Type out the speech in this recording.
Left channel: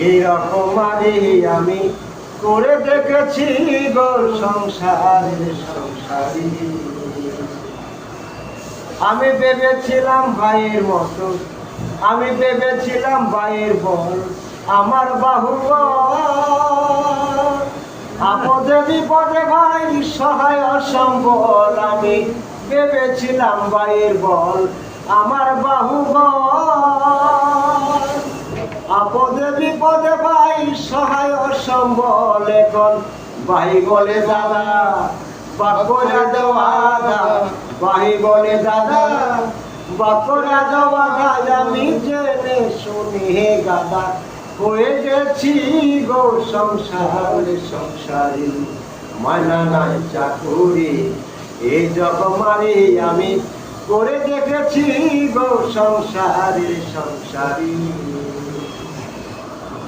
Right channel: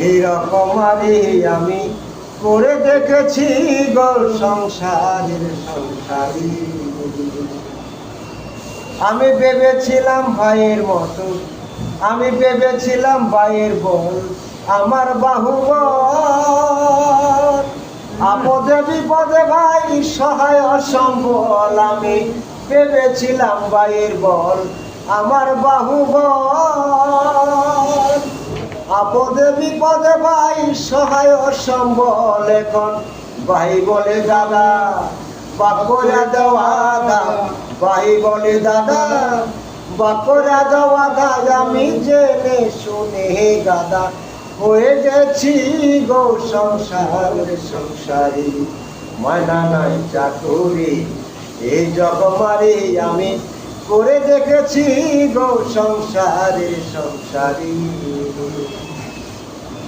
এরকমারি আমি করে দেখেছি গো সংসারের সংসারী। আমি ভেবেছিলাম ভাইয়ের মতো, আমি ভেবেছিলাম ভাইয়ের বল আমার বাহুবল আপদে বিপদে ভাই সহায় অসম্বল ভেবেছিলাম ভাইয়ের বল, আমার বাহুবল আপদে বিপদে ভাই সহায় অসম্বল এখন। ভাই বলে দাদা বাকরা দেওয়া ভাই বলে দাদা বাকরা দেওয়া আমি জেনে শুনে গাদা। হয়ে গেছি গো সংসার, সংসারী। মানা নাই চাকুরি এই জগমারি আমি করে দেখেছি গো সংসারের সংসারী।